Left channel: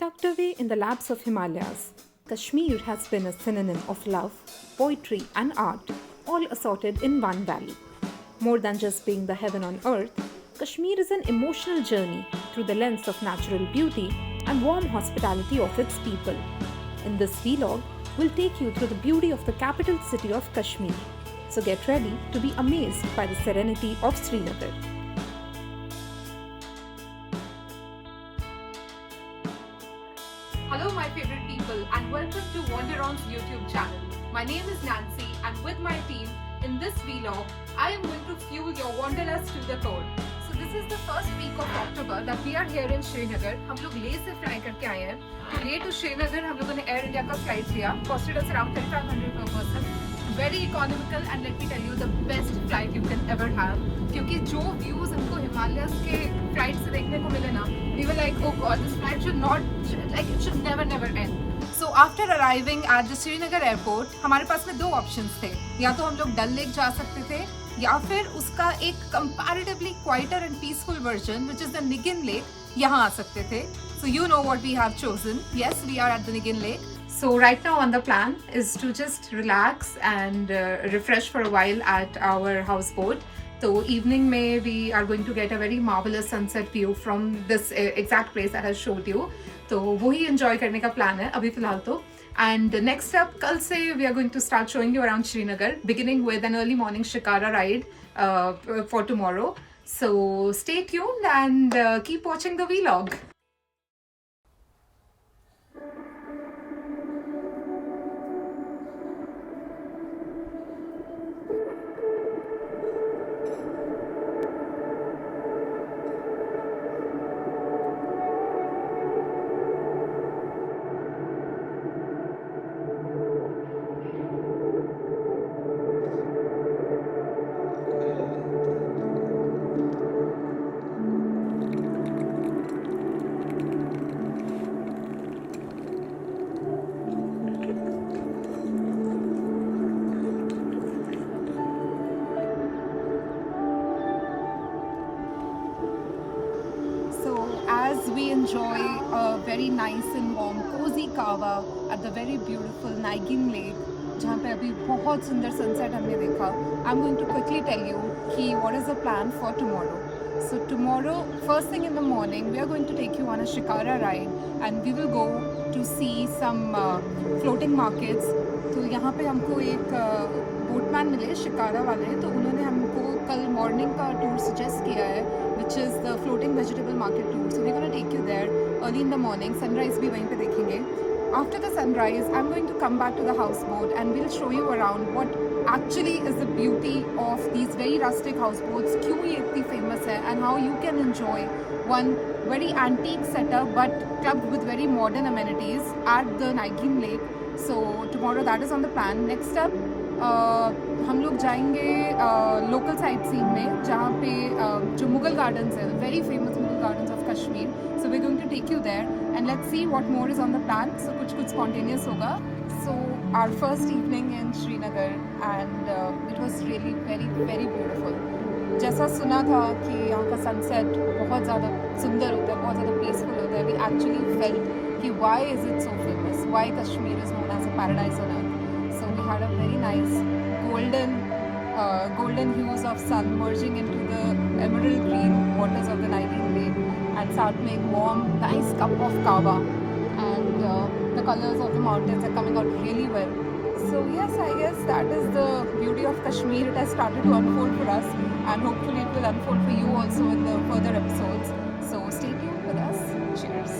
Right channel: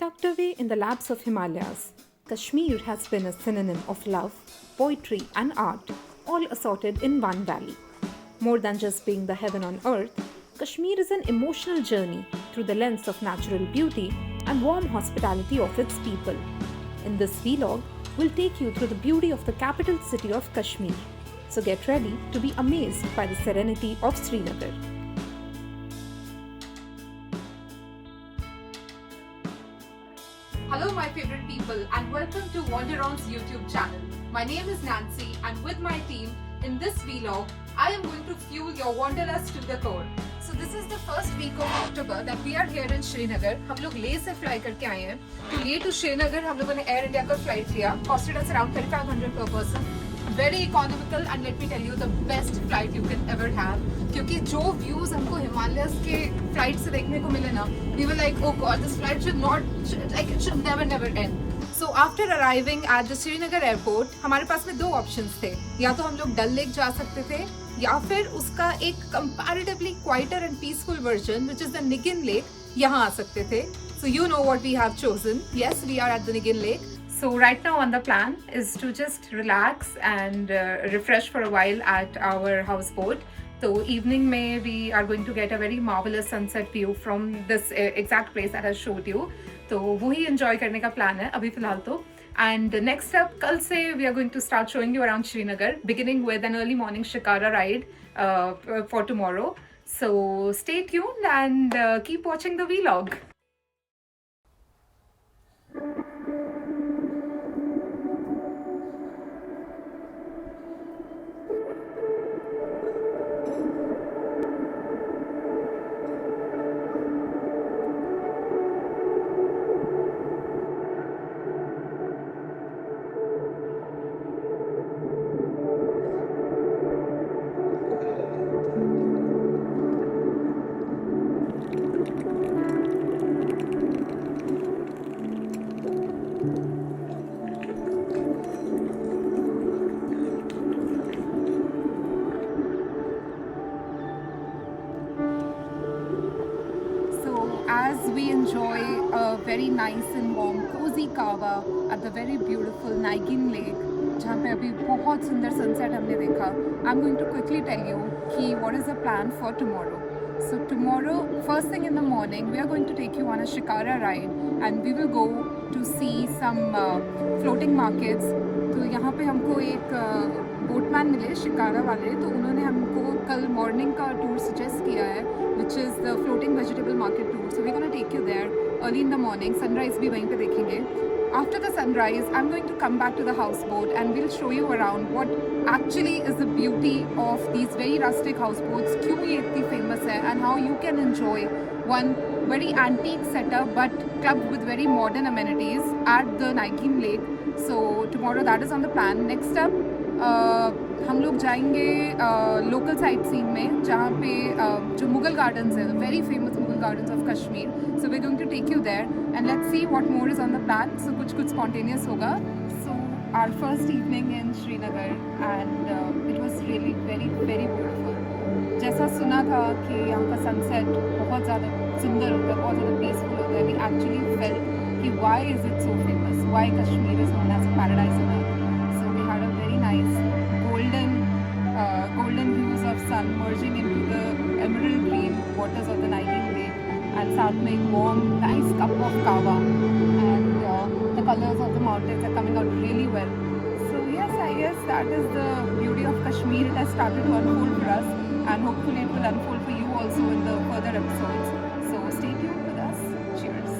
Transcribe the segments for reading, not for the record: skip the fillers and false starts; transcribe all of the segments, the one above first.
Tucked away in the laps of Himalayas, Kashmir has been a synonym of love, poetry, and art, all assorted in one valley. More than just being the heaven on earth, Kashmir is an emotional journey through the lens of natural beauty and warm hospitality of its people. In this vlog, we'll take you through the beauty of the capital city of Kashmir. So get ready to be amazed by the serenity of Srinagar. Hello my favorite people and welcome to Wanderon's YouTube channel. My name is Nancy and with my team in this vlog I am going to fuel your wanderlust to the core. So this is the first week of October that we are here in Srinagar. हम लोग ले से fly करके आए हैं. To Leh to Srinagar हम लोगों ने Air India का flight लिया. Costed us around 3500 per person. Very economical and let me tell you the best flight you can ever have. क्योंकि जो views हमको हिमालयस के flight से देखने को मिले ना, we were like, oh god, this flight should never end. So after arriving at the Srinagar airport, हमारे पास में दो options थे. या तो हम लोग डल लेक जा सकते थे, या फिर उसका एक comparatively quieter and peaceful version, which is the Nigin Lake, यहाँ आ सकते थे. So you know what we have chosen. Yes, we are at the Nigin Lake. So right now on the plan is to just relax and refresh for a while at our houseboat. So evening में we are going to get a very marvelous sunset view from this exact place that I showed you. तो वही enjoy करने का plan है अभी फिलहाल तो. And next up कल से we are going to start showing you around Srinagar, beginning with an early morning shikara ride for tomorrow. So stay tuned and keep watching the vlog. As we enjoy a very nice and warm cozy kava at the very beautiful Nigin Lake, जहाँ पे अभी बहुत सुंदर sunset हमने देखा, I'm going to quickly tell you कि what is the plan for tomorrow. So tomorrow, first thing in the morning, we are going to take you on a shikara ride and we will go to see some floating markets. तो यहाँ पे हमको एक boatman मिले शिकारा वाले, तो उन्होंने हमको कल मॉर्निंग का टूर सजेस्ट किया है, which is the floating vegetable market tour. So we're going to take you there early in the morning. Sunrise भी वहीं पे देखेंगे. After the sunrise, I'm going to come back to the houseboat and we'll show you around what actually is the beauty of these very rustic houseboats, क्यों ये इतनी famous है, and how you can enjoy one very antique setup but clubbed with very modern amenities at the Nigin Lake. So tomorrow that is on the plan. Next up, हम लोग जाएंगे local site scene में, जहाँ पे जो Mughal gardens है, very famous Mughal gardens of Kashmir. So we going to take you there and let's see what more is on the plan. So कुछ spontaneous होगा. So our first evening in Srinagar and it was really very beautiful. जैसा सुना था कि यहाँ का sunset बहुत ज़्यादा सुंदर होता है, बहुत ज़्यादा पीसफुल होता है. वी एक्चुअली फेल्ट कि why is it so famous, why Kashmir is known as a paradise on earth. So we had a very nice golden hues of sun merging into the emerald green waters of the Nigin Lake and starting warm, nice cup of kava, and the colors of the mountains are coming out really well. So yes, I guess that is the beauty of Kashmir. It has started to unfold for us and hopefully it will unfold for you also in the further episodes. So stay tuned with us. Cheers.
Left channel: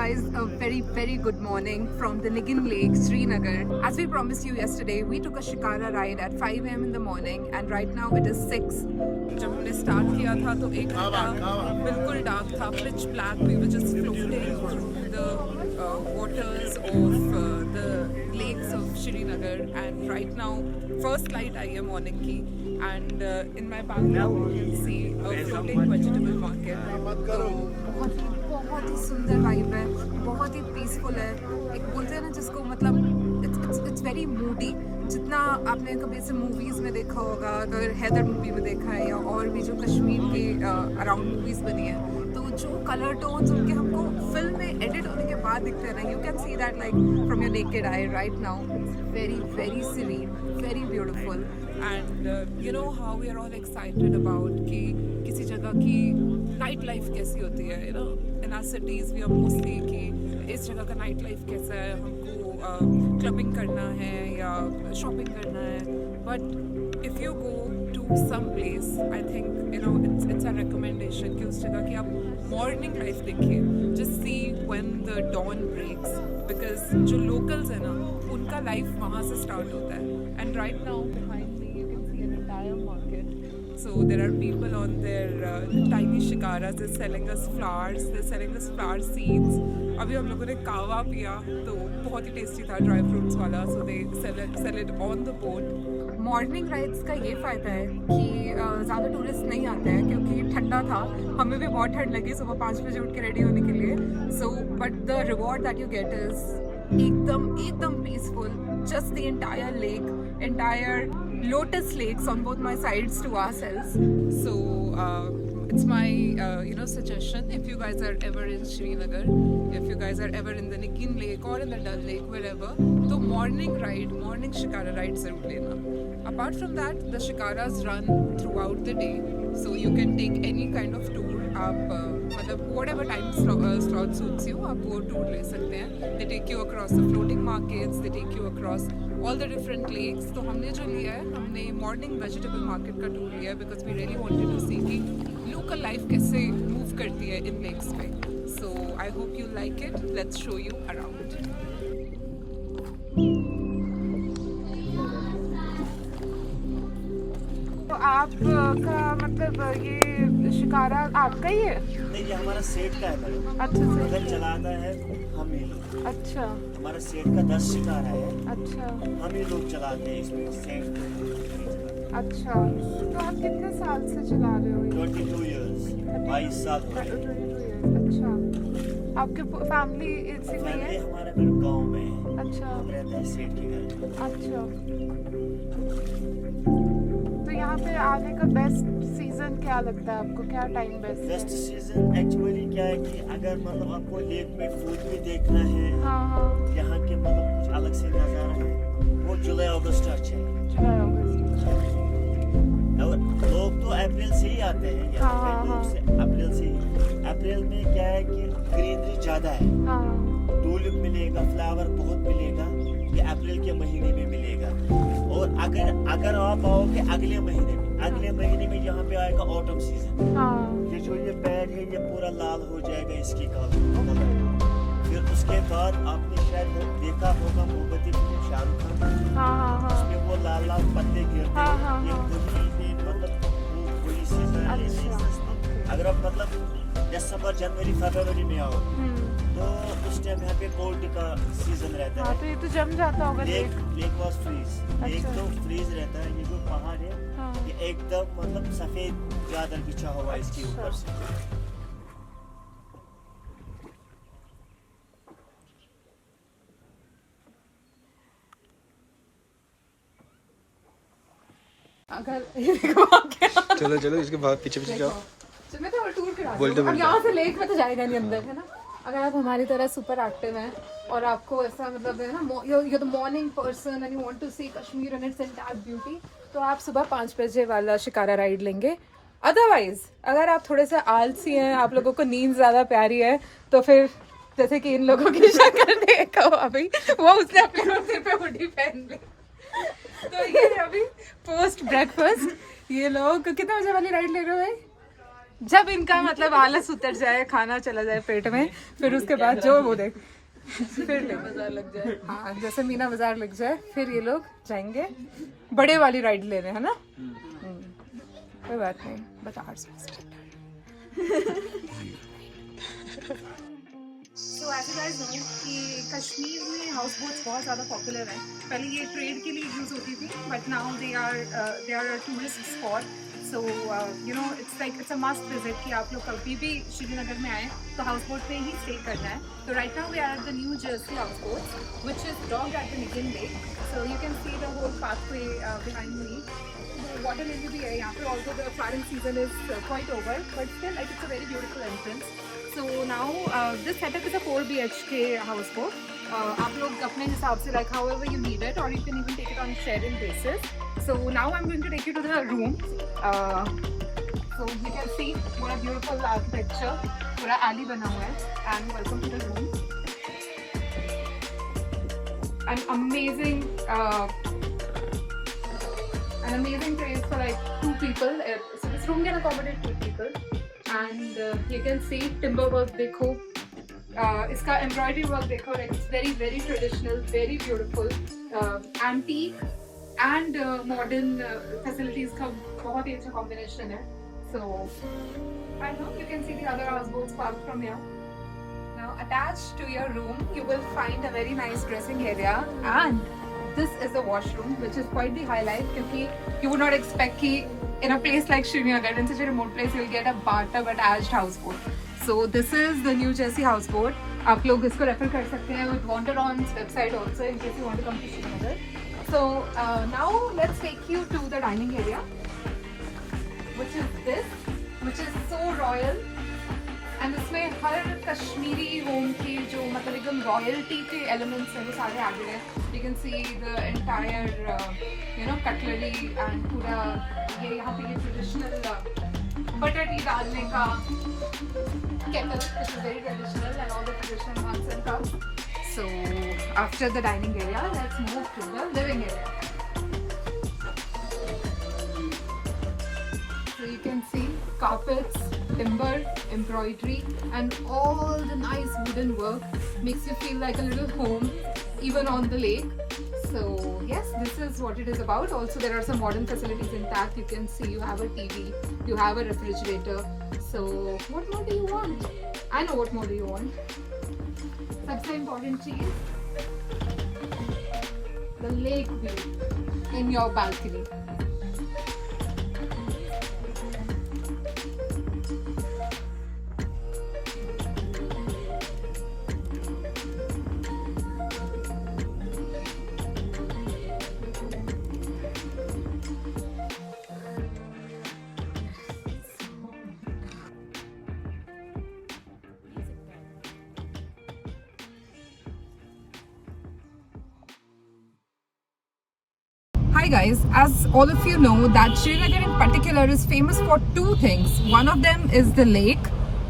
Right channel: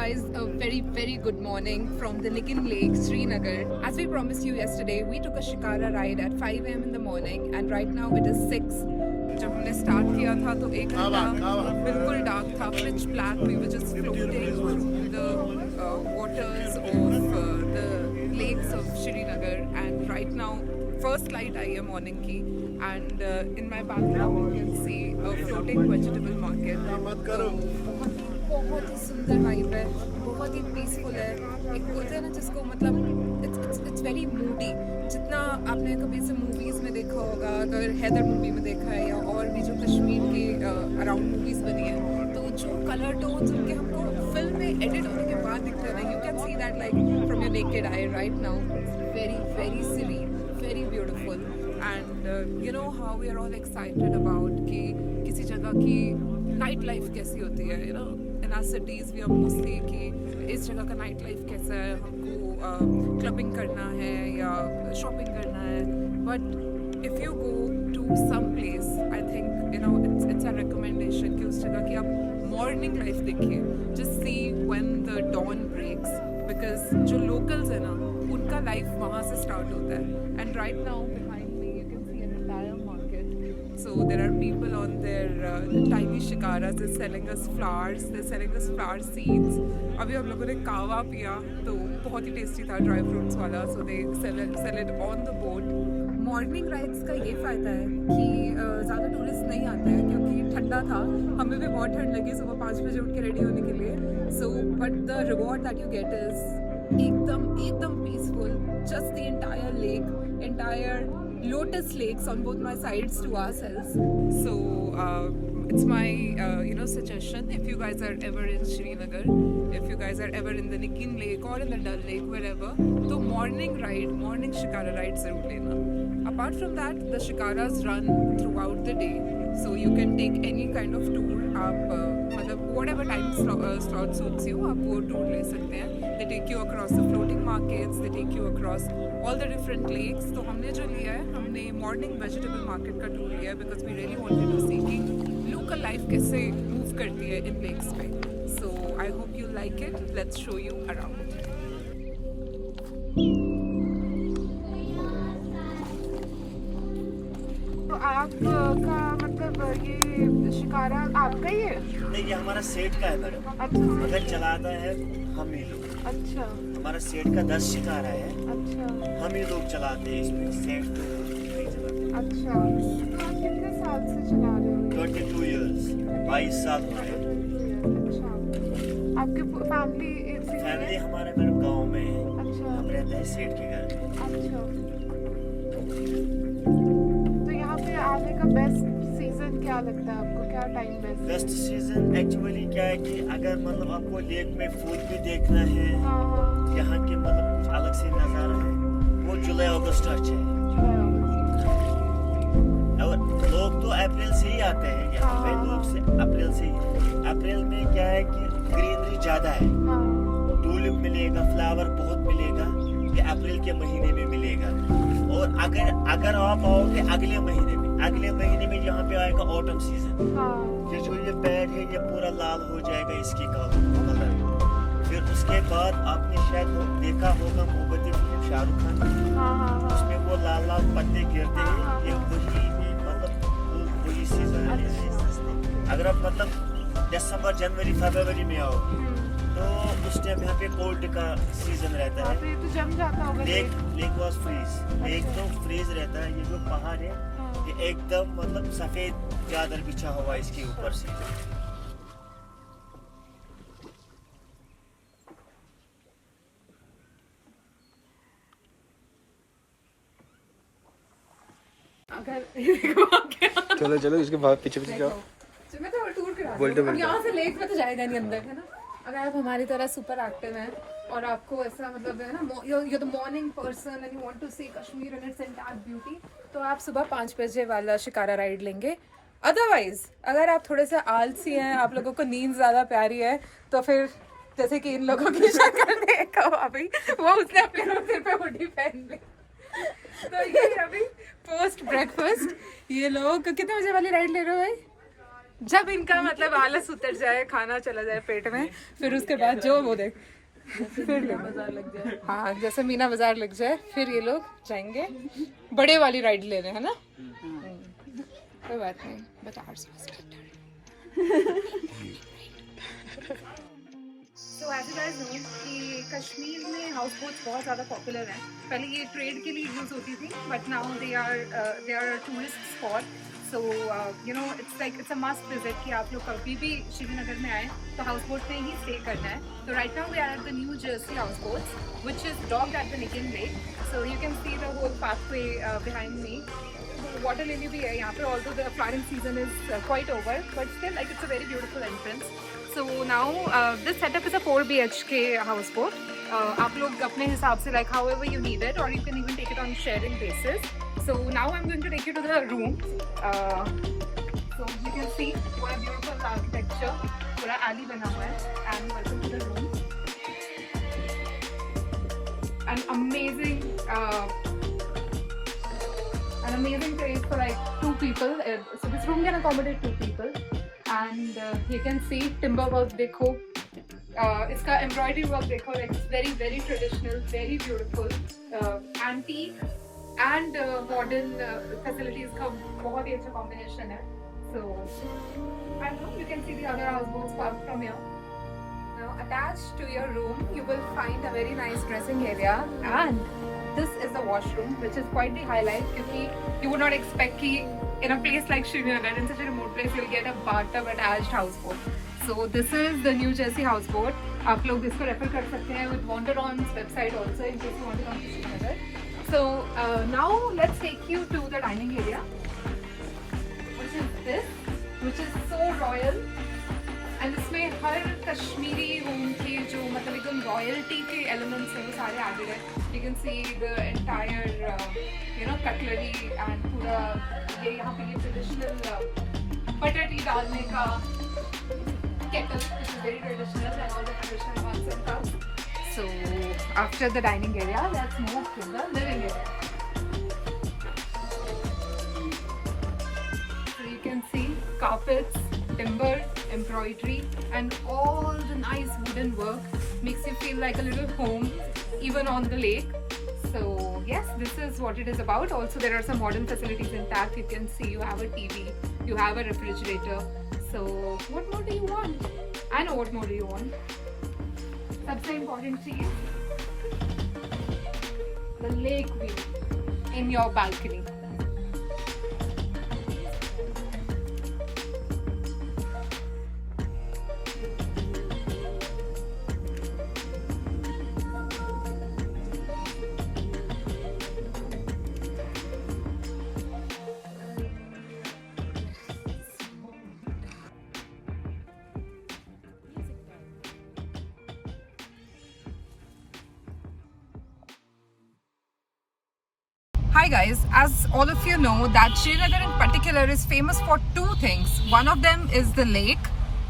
guys a very good morning from the Nigin Lake, Srinagar. As we promised you yesterday, we took a shikara ride at 5 a.m. in the morning and right now it is 6. जब हमने start किया था तो एक घंटा बिल्कुल dark था, pitch black. We were just floating through the waters of the lakes of Srinagar and right now first light आई है morning की and in my background you can see a floating vegetable market. तो बहुत ही सुंदर vibe है, बहुत ही peaceful है. एक बोलते हैं ना जिसको मतलब इट्स वेरी मूडी. जितना आपने कभी ऐसे मूवीज़ में देखा होगा, अगर हैदर मूवी में देखा है या और भी जो कश्मीर के अराउंड मूवीज़ बनी है, तो जो कलर टोन्स उनके हमको फिल्म में एडिट होने के बाद दिखते हैं ना, you can see that like from your naked eye right now. Very serene, very beautiful and you know how we are all excited about कि किसी जगह की नाइट लाइफ कैसी होती है. you know in our cities we are mostly कि इस जगह का नाइट लाइफ कैसा है, हमको क्लबिंग करना है या शॉपिंग करना है. But if you go to some place I think you know it's a recommendation कि उस जगह की आप मॉर्निंग लाइफ देखिए. just see when the dawn breaks because जो locals है ना उनका लाइफ वहाँ से स्टार्ट होता है. And right now behind me you can see an entire market. So there are people on their tiny shikaras. They're selling us flowers. They're selling us flower seeds. अभी हम लोगों ने कावा पिया तो बहुत ही टेस्टी था, ड्राई फ्रूट्स वाला. So they sell it on the boat. Morning rides का ये फ़ायदा है कि ज़्यादा टूरिस्ट नहीं आते हैं क्योंकि ठंडा था. हमें भी बहुत ठंड लगी सुबह 5 बजे उठ के रेडी होने के लिए. So but the reward that you get is एकदम peaceful. Just the entire lake, entire lotus lakes on both my sides to ourselves. So it's my suggestion. If you guys are ever in Srinagar, if you guys are ever in the Nigin Lake or in the Dal Lake, wherever, तो morning shikara ride जरूर लेना. Apart from that, the shikaras run throughout the day, so you can take any kind of tour. आप मतलब whatever time slot suits you, आप वो tour ले सकते हैं. They take you across the floating markets, they take you across all the different lakes. तो हमने जो लिया है, हमने morning vegetable market का tour लिया है because we really wanted to see कि local life कैसे move करती है इन lakes पे. So I hope you like it. Let's show you around. तो आपका मतलब ये शिकारा आपका ही है? नहीं, ये हमारा सेठ का है मैडम. अच्छा मगर चलाता है हम ही लोग. अच्छा हमारा सेठ का 10 शिकारा है, अच्छा हम ही लोग चलाते हैं. इसमें सेठ नहीं चलाते. अच्छा. तो आप कितने साल से चला रहे हो? 22 years, 22 साल हो गए. अच्छा. आपके फैमिली हमारा मैडम गाँव में है. अच्छा. हम रहते हैं सेठ के घर में. अच्छा. तो यहाँ पे आने का बेस्ट सीजन क्या लगता है आपको? क्या टाइम बेस्ट सीजन एक्चुअली क्या है कि अगर मतलब आपको लेक में फूल भी देखना है, हाँ. यहाँ के मतलब कुछ अलग से नज़ारा है, वो जुलाई अगस्त अच्छा है. और लोग तो अप्रैल से ही आते हैं यहाँ पे. लोग से अप्रैल से ही. अप्रैल में क्या है कि ग्रीनरी ज़्यादा है. टूलिप मिलेगा, फ्लावर बहुत मिलेगा. ये अप्रैल के महीने में मिलेगा. और अगर आप आओगे अगले महीने में यहाँ पे आएगा ऑटम सीजन. ये जो ये पेड़ है ये पूरा लाल हो जाएगा इसकी कलर. फिर उसके बाद आपने शायद देखा होगा मोहब्बती फिल्म शाहरुख खान, उसमें वो लाल पत्ते गिरते हैं. ये वही सीजन है. अगर आप मतलब दिसंबर जनवरी फरवरी में आओ तो उस टाइम यहाँ पे कोल्ड का सीजन रहता है. तो जम जाता होगा. Lake was freeze. लेक तो फ्रीज रहता है. ये जो पहाड़ है ये एकदम मतलब सफेद चादर बिछा हुआ है इसके ऊपर से. अगर चलो इसके बाद पीछे जाओ. मैं तो टूर करा बोल अब यहाँ से लेक में तो जाएगा नहीं अंदर, है ना. अगर आप हमारी तरह सुपर एक्टिव हैं और आपको ऐसा मतलब है ना you're the morning person and you want to see Kashmir and its entire beauty, तो आप सुबह 5 बजे वाला शिकारा राइड लेंगे. अदरवाइज अगर आप थोड़े से आलसी हैं, आप लोगों को नींद ज़्यादा प्यारी है, तो फिर जैसे कि इन लोगों की शक्ल देखो अभी, वो उसने अपने सिर पे हुडी पहन ली. तो ये अभी पोस्ट ब्रेकफास्ट ये लोग कितने बजे वाली राइड ले रहे हो भाई? जब इनका मतलब आलस उतर जाए, खाना चला जाए पेट में, फिर उसके बाद जो वो देख फिर बाजार लग जाए, हाँ जैसे मीना बाजार लग जाए, फिर ये लोग जाएंगे बड़े वाली राइड लेने, है ना? कोई बात नहीं, but ours so as you guys know कि कश्मीर में हाउस बोट्स बहुत ज़्यादा पॉपुलर हैं. पहले ये ट्रेड के लिए यूज़ होती थी, but now they are tourist spot. So you know it's a must visit कि आप लोग कभी भी श्रीनगर में आए तो हाउस बोट में ही स्टे करना है. तो right now we are at the New Jersey houseboats which is docked at the Nigeen lake. So you can see the whole pathway behind me. Water lily भी है यहाँ पे, although the flowering season is quite over, but still like it's a very beautiful entrance. So now this setup is a 4 BHK houseboat. आप लोग अपने हिसाब से like however you need it, or you can even take it on sharing basis. So now I'm going to take you to the room. So you can see what a beautiful architecture. पूरा alley बना हुआ है. And welcome to the room. An amazing place for like 2 people. So this room can accommodate 2 people. And you can see timber work देखो, इसका embroidery work देखो, like it's very very traditional, very beautiful, antique and modern facilities का बहुत ही अच्छा combination है. So I know you can see the other houseboats parked from here. Now attached to your room you will find a very nice dressing area, and this is the washroom, which is quite the highlight क्योंकि you would not expect कि in a place like Srinagar, in such a remote place, you will get a bathtub attached houseboat. So this is the New Jersey houseboat. आप लोग इसको refer कर सकते हैं with Wanderon's website also in case you want to come to Srinagar. So now let's take you to the dining area, which is this, which is so royal. And इसमें हर Kashmiri home के जो मतलब एकदम royalty के elements हैं वो सारे added हैं. You can see the entire cutlery and पूरा ये यहाँ पे ये ट्रेडिशनल बटर टी डालने का kettle, which is very traditional, and all the traditional mugs and cups. So after the dining area, let's move to the living area. So you can see carpets, timber, embroidery, and all the nice wooden work makes you feel like a little home, even on the lake. So yes, this is what it is about. Also there are some modern facilities intact. You can see you have a TV, you have a refrigerator. So what more do you want? I know what more do you want. सबसे important चीज, the lake view in your balcony. Hi guys, as all of you know that Srinagar in particular is famous for 2 things. One of them is the lake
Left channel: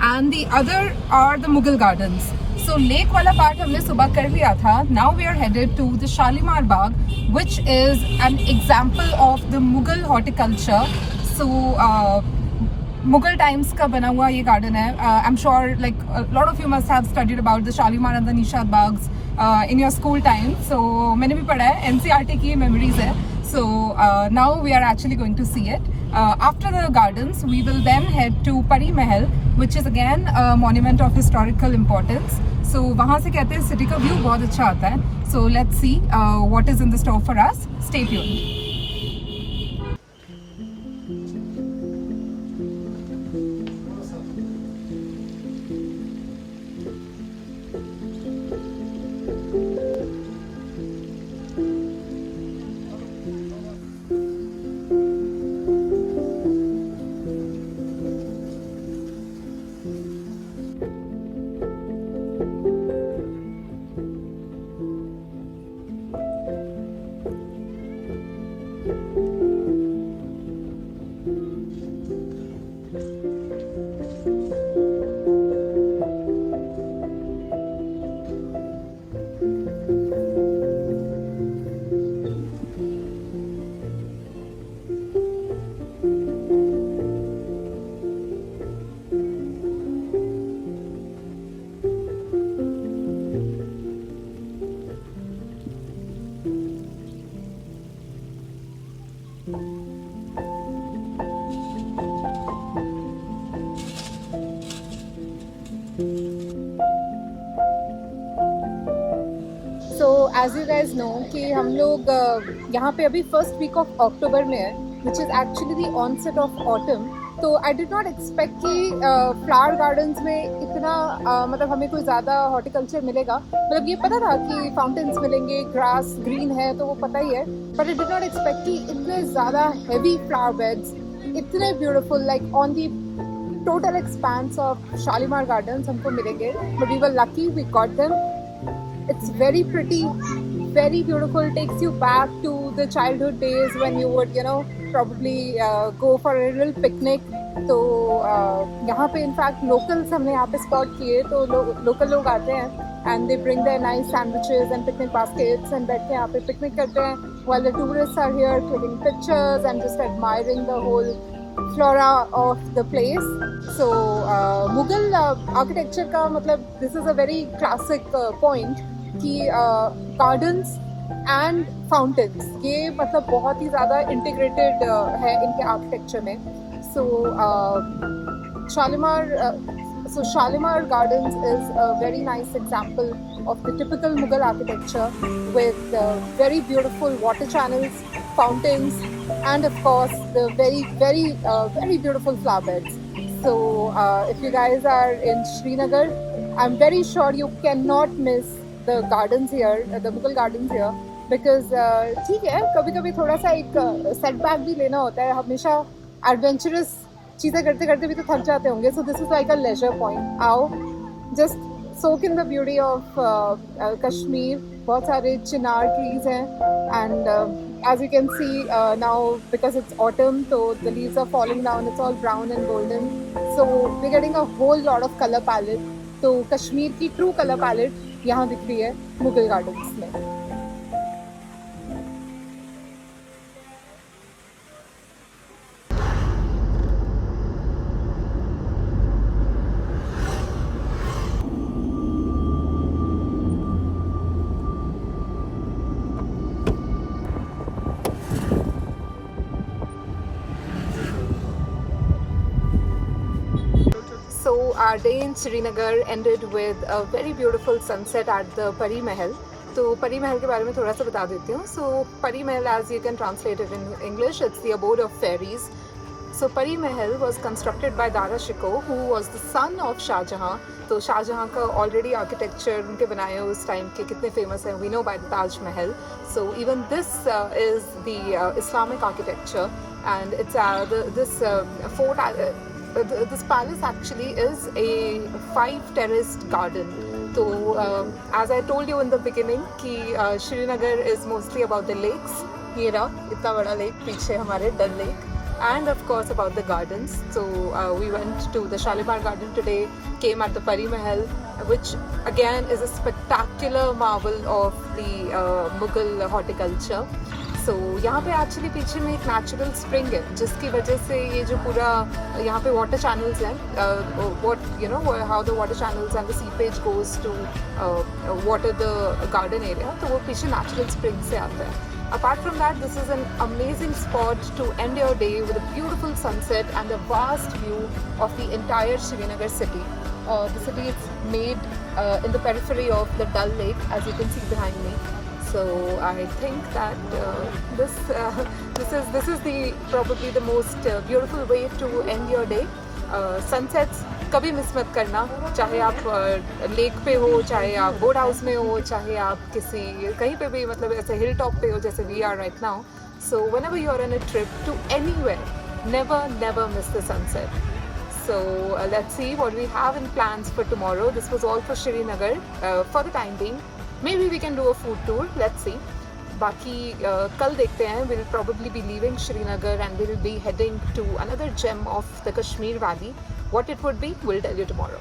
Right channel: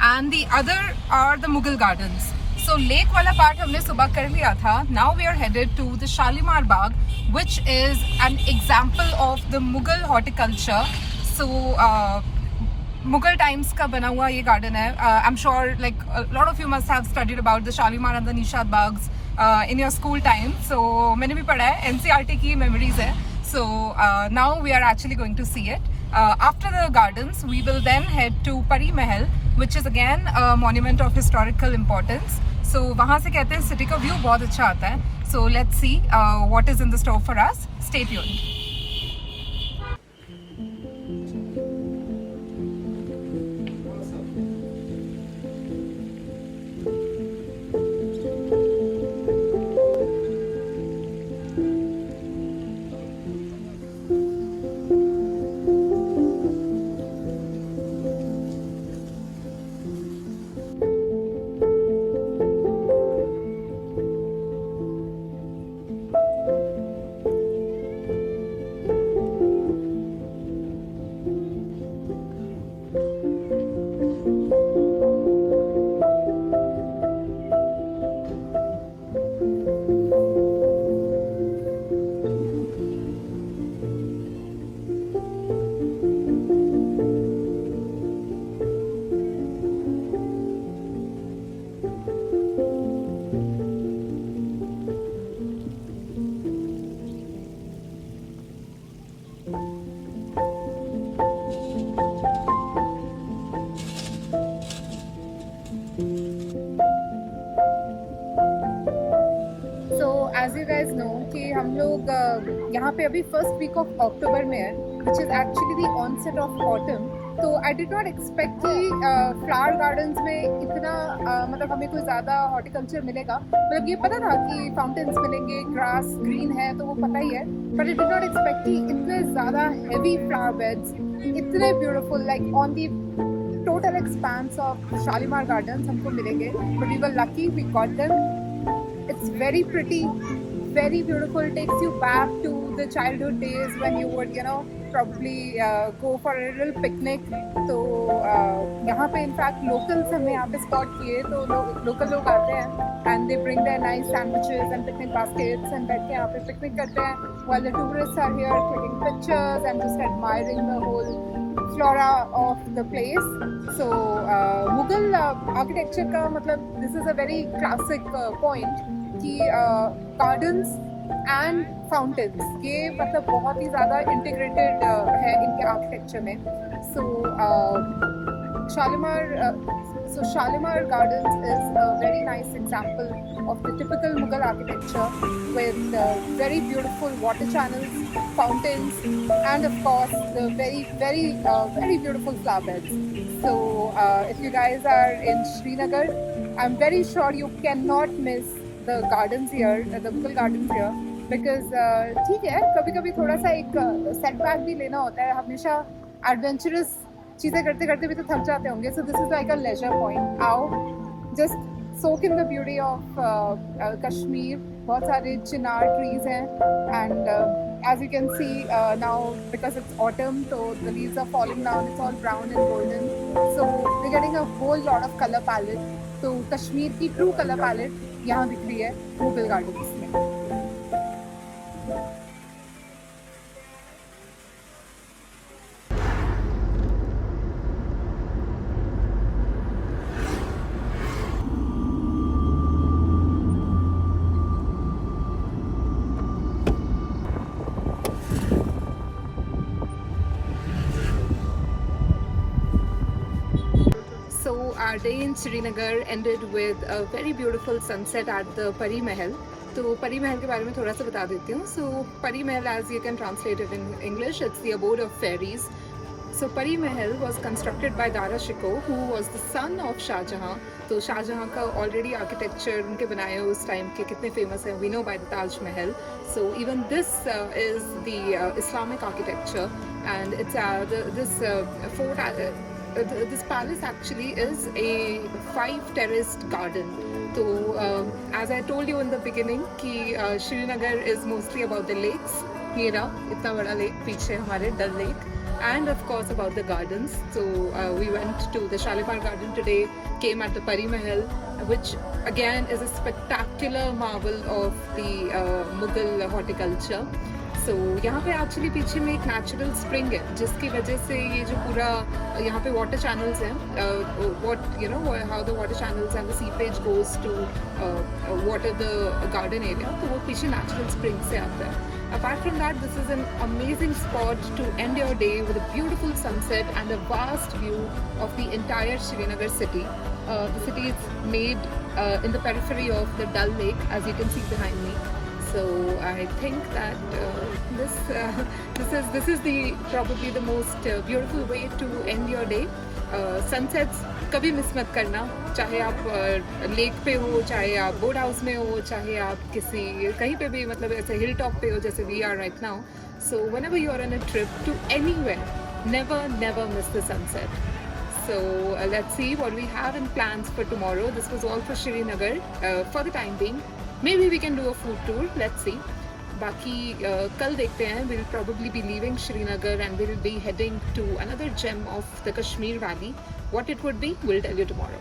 and the other are the Mughal gardens. So lake wala part हमने सुबह कर लिया था. Now we are headed to the Shalimar Bagh, which is an example of the Mughal horticulture. So Mughal times का बना हुआ ये garden है. I'm sure like a lot of you must have studied about the Shalimar and the Nishad Baghs in your school time. So मैंने भी पढ़ा है, NCERT की memories है. So now we are actually going to see it. After the gardens, we will then head to Pari Mahal, which is again a monument of historical importance. So वहाँ से कहते हैं city का view बहुत अच्छा आता है. So let's see what is in the store for us. Stay tuned. you guys know कि हम लोग यहाँ पे अभी फर्स्ट वीक ऑफ अक्टूबर में है, which is actually the onset of autumn. तो आई डिड नॉट एक्सपेक्ट कि फ्लावर गार्डन्स में इतना मतलब हमें कोई ज़्यादा हॉर्टिकल्चर मिलेगा. मतलब ये पता था कि फाउंटेन्स मिलेंगे, ग्रास ग्रीन है तो वो पता ही है, but I did not expect कि इतने ज़्यादा हैवी फ्लावर बेड्स, इतने beautiful like on the total expanse of Shalimar gardens हमको मिलेंगे. But we were lucky, we got them. It's very pretty, very beautiful. Takes you back to the childhood days when you would, probably go for a little picnic. तो यहाँ पे in fact locals हमने यहाँ पे spot किए, तो local लोग आते हैं and they bring their nice sandwiches and picnic baskets and बैठ के यहाँ पे picnic करते हैं while the tourists are here clicking pictures and just admiring the whole flora of the place. So Mughal architecture का मतलब this is a very classic point कि gardens and fountains ये मतलब बहुत ही ज़्यादा integrated है इनके architecture में. So Shalimar Gardens is a very nice example of the typical Mughal architecture with very beautiful water channels, fountains, and of course the very beautiful flower beds. So if you guys are in Srinagar, I'm very sure you cannot miss the gardens here, the Mughal gardens here, because ठीक है कभी कभी थोड़ा सा एक setback भी लेना होता है. हमेशा adventurous चीज़ें करते करते भी तो थक जाते होंगे. So this is like a leisure point. आओ just soak in the beauty of Kashmir. बहुत सारे chinar trees हैं and as you can see now because it's autumn, so the leaves are falling down. It's all brown and golden. So we're getting a whole lot of color palette. तो कश्मीर की true color palette यहाँ दिख रही है Mughal gardens में. So our day in Srinagar ended with a very beautiful sunset at the Pari Mahal. तो परी महल के बारे में थोड़ा सा बता देती हूँ. So Pari Mahal, as you can translate it in English, it's the abode of fairies. So Pari Mahal was constructed by Dara Shikoh, who was the son of Shah Jahan. तो शाहजहाँ का ऑलरेडी आर्किटेक्चर उनके बनाए हुए उस time के कितने famous हैं, we know by the Taj Mahal. So even this is the Islamic architecture and it's this fort. This palace actually is a 5-terraced garden. So as I told you in the beginning कि Srinagar is mostly about the lakes. ये रहा इतना बड़ा lake पीछे हमारे डल lake, and of course about the gardens. So we went to the Shalimar Garden today, came at the Pari Mahal, which again is a spectacular marvel of the Mughal horticulture. So यहाँ पे actually पीछे में एक natural spring है जिसकी वजह से ये जो पूरा यहाँ पे वाटर चैनल्स हैं, how the water channels and the seepage goes to water the garden area, तो वो पीछे नेचुरल स्प्रिंग से आता है. Apart from that, this is an amazing spot to end your day with a beautiful sunset and a vast view of the entire Srinagar city. The city is made in the periphery of the Dal Lake, as you can see behind me. So I think that this is the probably the most beautiful way to end your day. Sunsets कभी miss मत करना, चाहे आप lake पे हो, चाहे आप boat house में हो, चाहे आप किसी कहीं पे भी मतलब ऐसे हिल टॉप पे हो जैसे we are right now. So whenever you are on a trip to anywhere, never miss the sunset. So let's see what we have in plans for tomorrow. This was all for Srinagar for the time being. Maybe we can do a food tour. Let's see. बाकी कल देखते हैं. We'll probably be leaving Srinagar and we'll be heading to another gem of the Kashmir Valley. What it would be, we'll tell you tomorrow.